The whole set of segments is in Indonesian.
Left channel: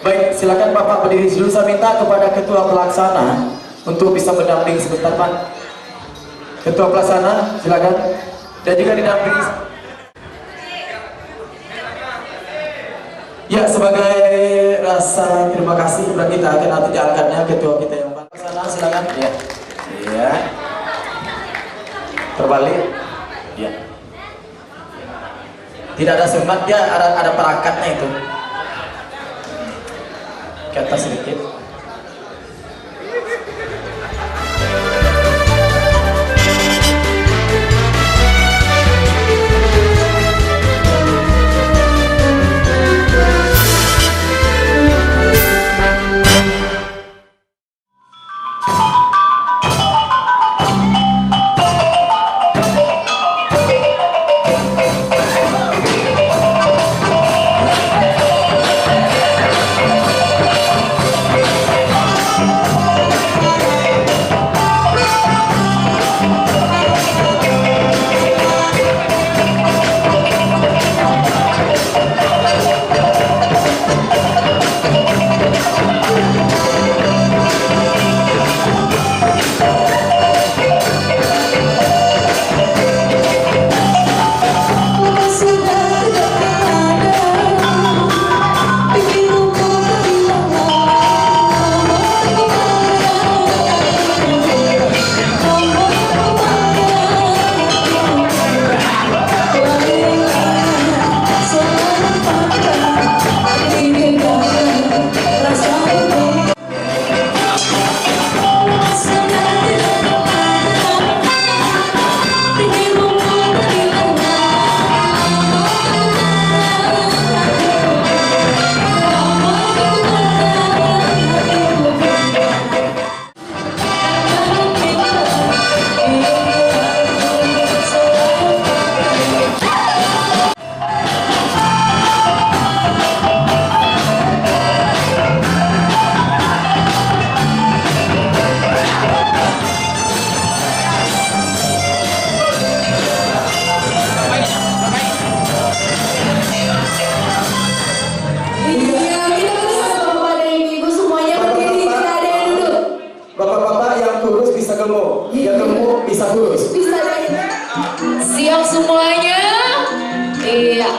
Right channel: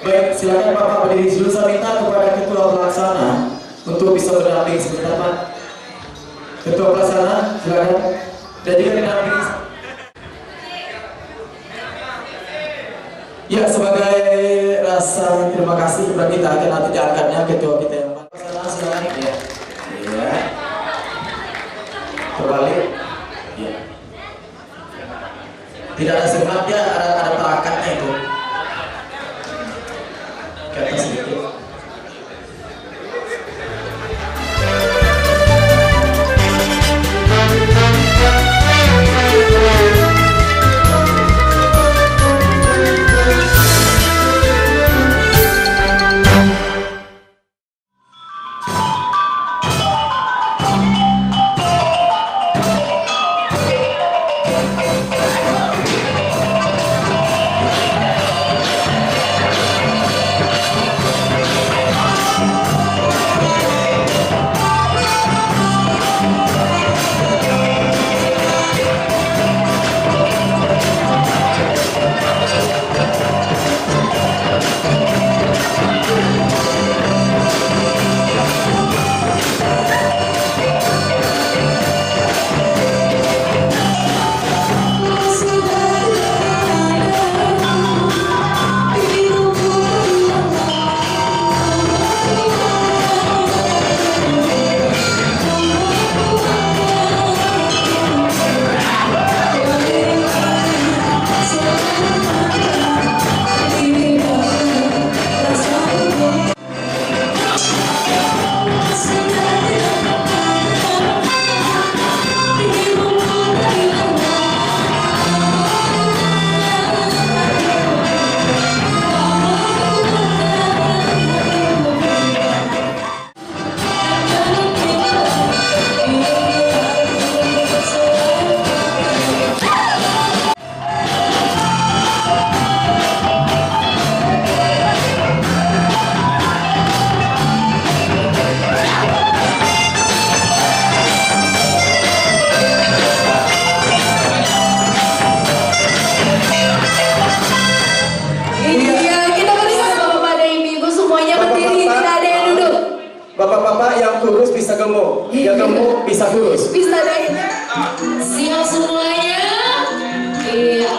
Baik, silakan Bapak berdiri dulu. Saya minta kepada Ketua Pelaksana untuk bisa berdamping sebentar, Pak. Ketua Pelaksana, silakan. Dan juga didampingi. Ya, sebagai rasa terima kasih kepada kita akan nanti diangkatnya Ketua kita yang Pelaksana, silakan. Ya. Iya. Terbalik. Ya. Tidak ada semat, ya ada perakatnya itu. Ke atas sedikit. Bapak-bapak yang kurus bisa gemuk, yang gemuk bisa kurus. Bisa deh. Siap semuanya? Iya.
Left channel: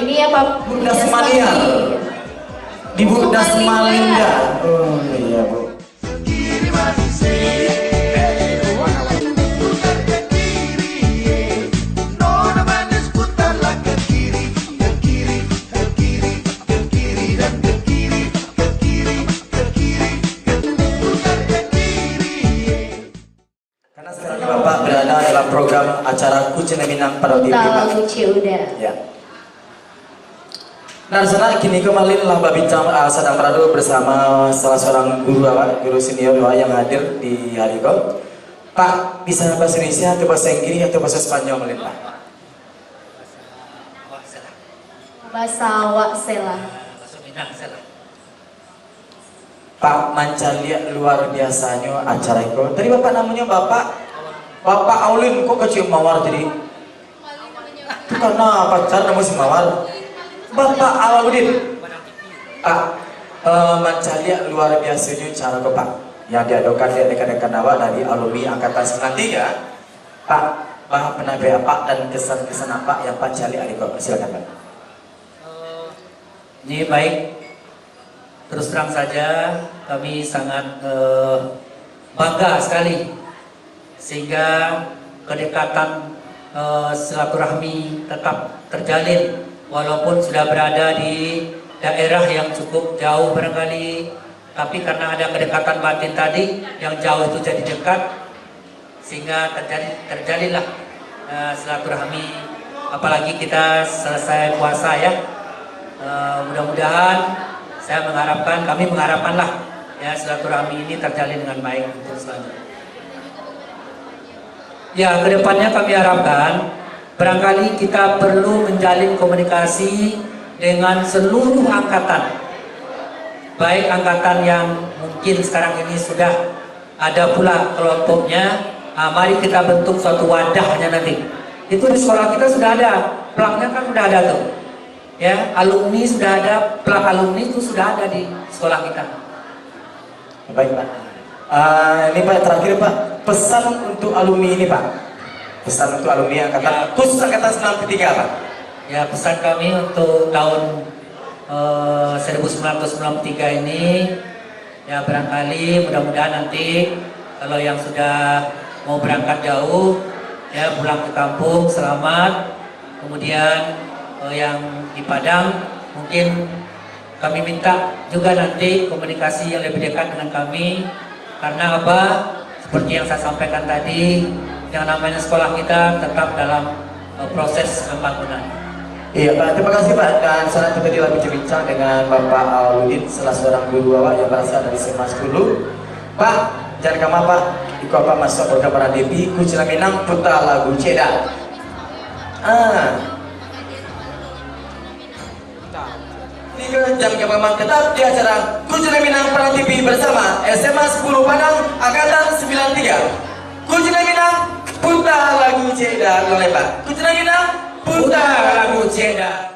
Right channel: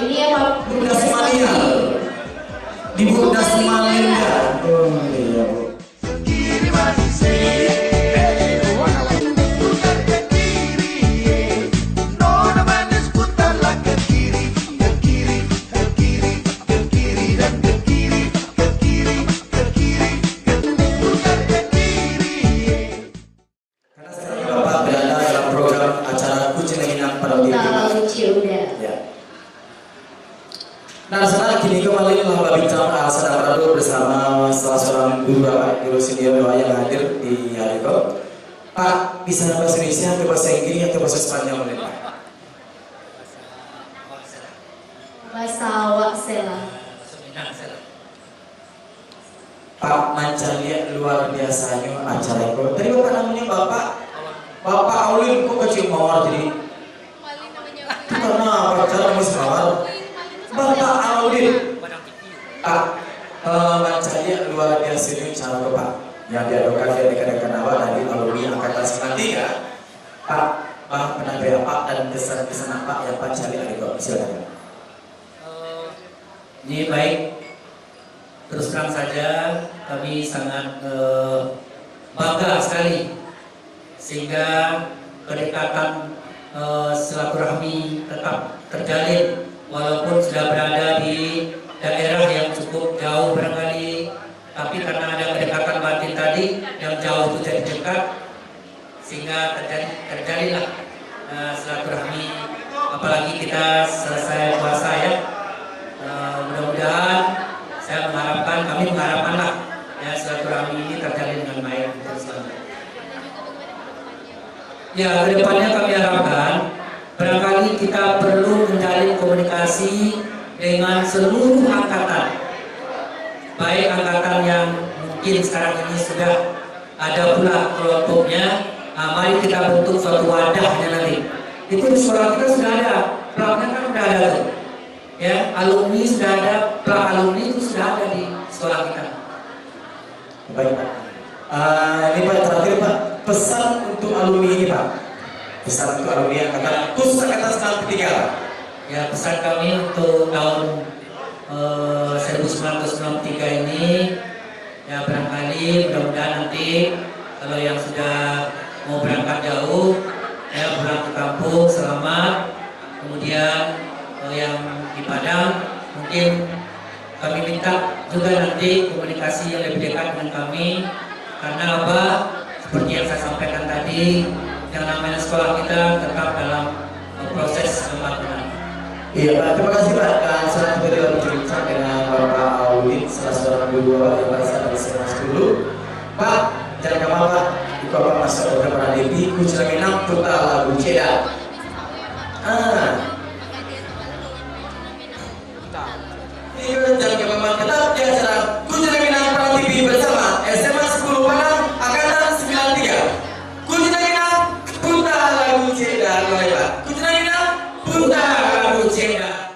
Ini apa? Bukdas Mania. Di Bukdas Malinda. Oh iya Bu. Karena sekarang Bapak berada dalam program acara Kucing Minang pada TV. Ya. Nah, sekarang kini kembali lomba bincang sedang beradu bersama salah seorang guru senior yang hadir di hari ini. Pak, bisa bahasa Indonesia atau bahasa Inggris atau bahasa Spanyol boleh Pak? Bahasa Waksela. Pak Mancalia luar biasanya acara itu. Tadi Bapak namanya Bapak Aulin kok kecium mawar jadi? Karena pacar namanya mawar. Bapak Aulin. Pak Mancalia luar biasanya cara Pak yang diadakan di dekat-dekat awal dari alumni angkatan 93. Pak pernah apa dan kesan-kesan apa yang Pak Mancalia ada? Silakan Pak. Ini baik. Terus terang saja kami sangat bangga sekali sehingga kedekatan silaturahmi tetap terjalin walaupun sudah berada di daerah yang cukup jauh barangkali, tapi karena ada kedekatan batin tadi yang jauh itu jadi dekat sehingga terjalinlah silaturahmi, apalagi kita selesai puasa ya. Mudah-mudahan kami mengharapkanlah ya silaturahmi ini terjalin dengan baik terus. Ya, kedepannya kami harapkan barangkali kita perlu menjalin komunikasi dengan seluruh angkatan, baik angkatan yang mungkin sekarang ini sudah ada pula kelompoknya. Mari kita bentuk suatu wadahnya nanti. Itu di sekolah kita sudah ada, plaknya kan sudah ada tuh. Ya, alumni sudah ada, plak alumni itu sudah ada di sekolah kita. Baik Pak. Ini Pak terakhir Pak, pesan untuk alumni ini Pak. Pesan untuk alumni angkatan khusus angkatan 93 Pak. Ya, pesan kami untuk tahun 1993 ini ya barangkali mudah-mudahan nanti kalau yang sudah mau berangkat jauh ya pulang ke kampung selamat. Kemudian yang di Padang mungkin kami minta juga nanti komunikasi yang lebih dekat dengan kami, karena apa, seperti yang saya sampaikan tadi, yang namanya sekolah kita tetap dalam proses pembangunan. Iya Pak, terima kasih Pak. Dan sekarang kita telah berbincang dengan Bapak Aulin, salah seorang guru yang berasal dari SMA 10. Pak, jangan kemana Pak, ikut Bapak masuk program Pradevi Kucing Minang putar lagu Ceda. Jangan kemana tetap di acara Kucing Minang Pradevi bersama SMA 10 Padang angkatan 93. Kucing Minang putar lagu Ceda, boleh Pak. Kucing Minang putar lagu Ceda.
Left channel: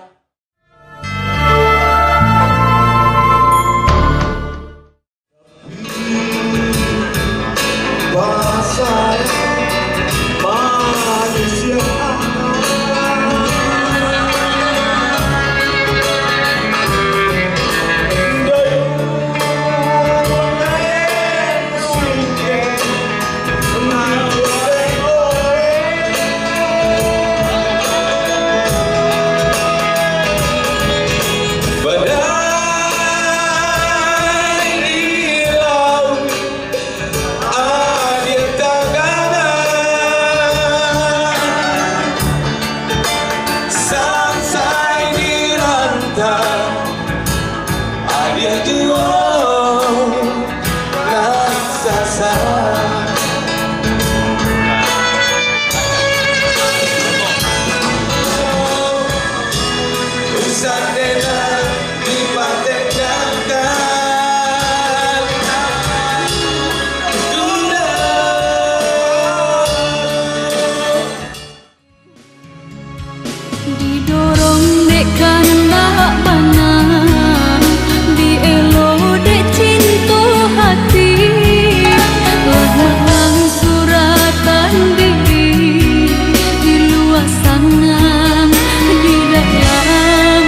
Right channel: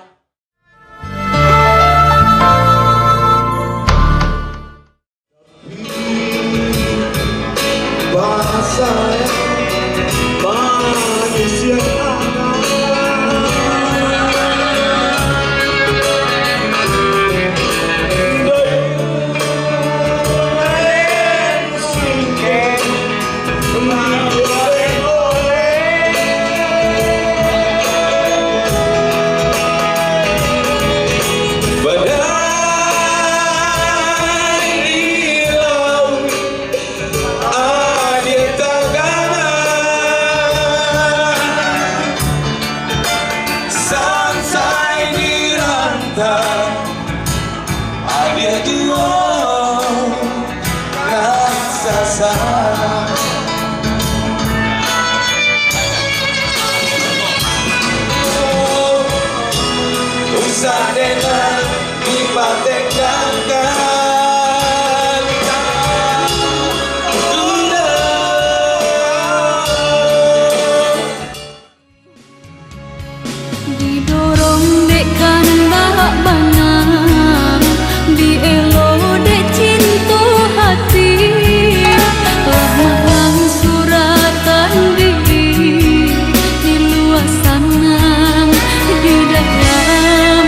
Didorong dek kanak bana, dielo dek cinta hati, lemah suratan diri, di luar sana, di dalam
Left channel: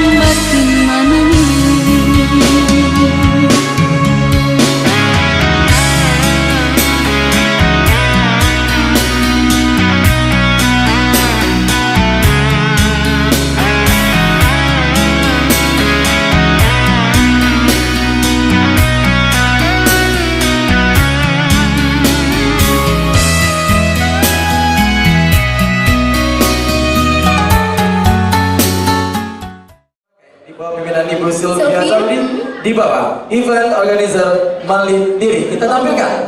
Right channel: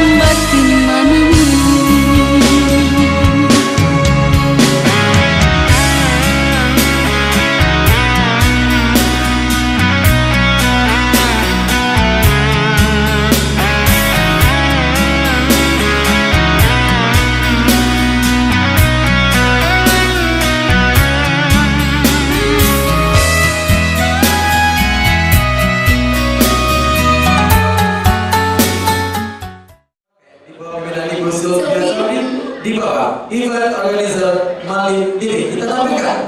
Ibu Sylvia Sylvia. Sabri di Bapak event organizer Mali Diri. Kita tampilkan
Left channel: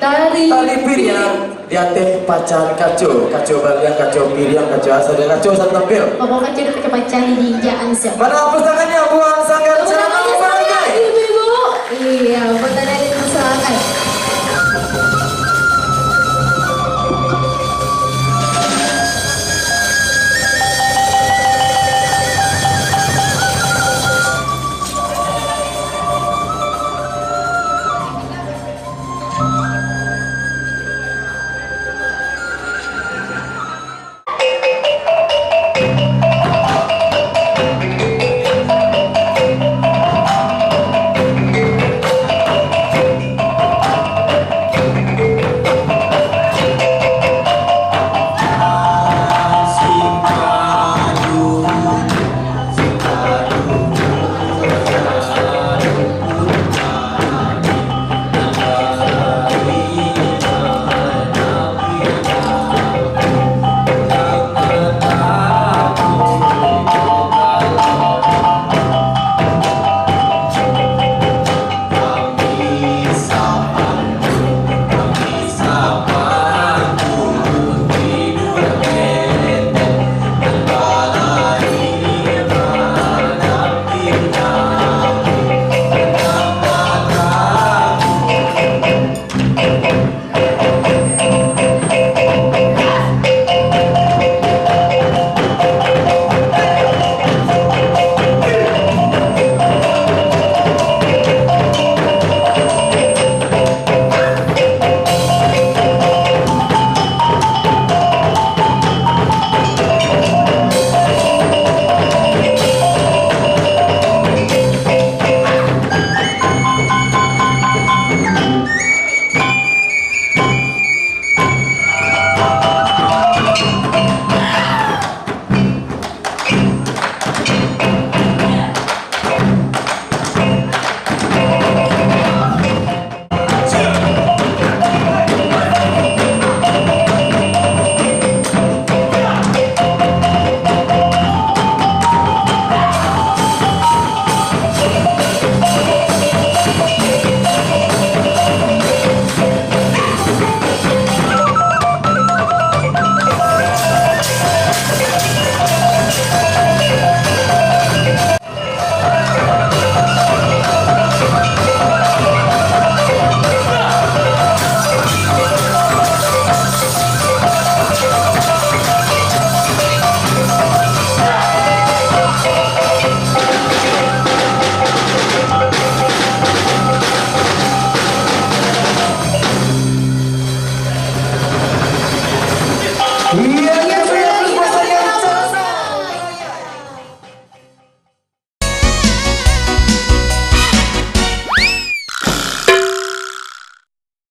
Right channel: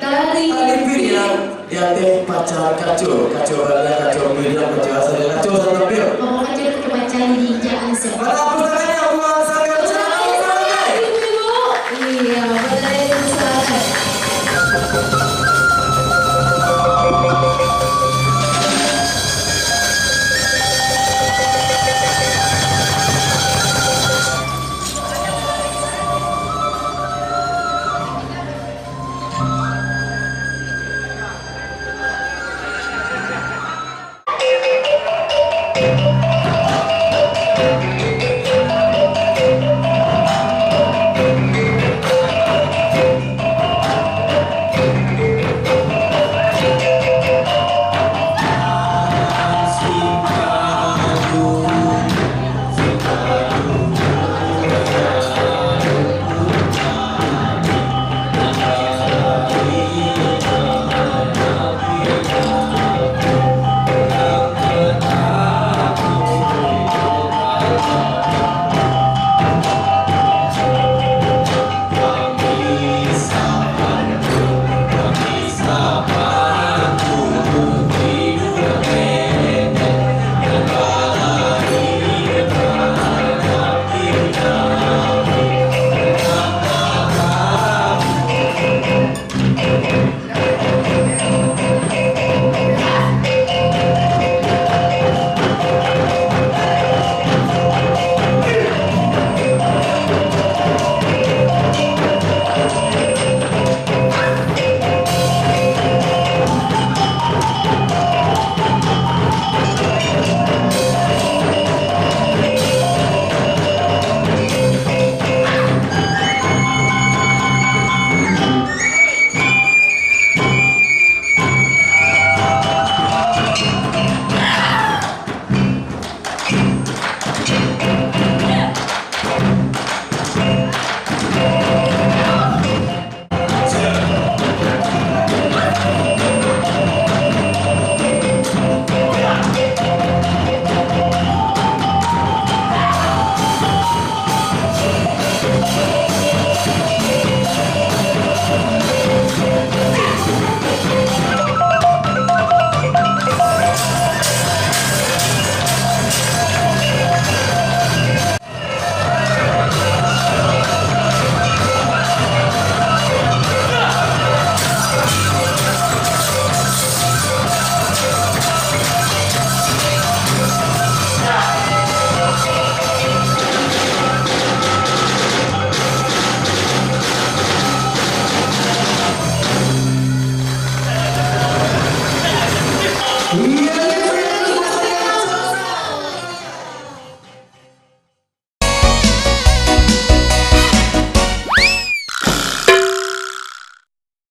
Dari tali piriang di atas pacar kacau balian, kacau piriang, kacau asal dan kacau satu tampil. Bapak kecil pakai pacar di jangan siap. Mana hapus tangannya buang sanggar celana pakai. Ibu-ibu. Iya, benar itu silakan.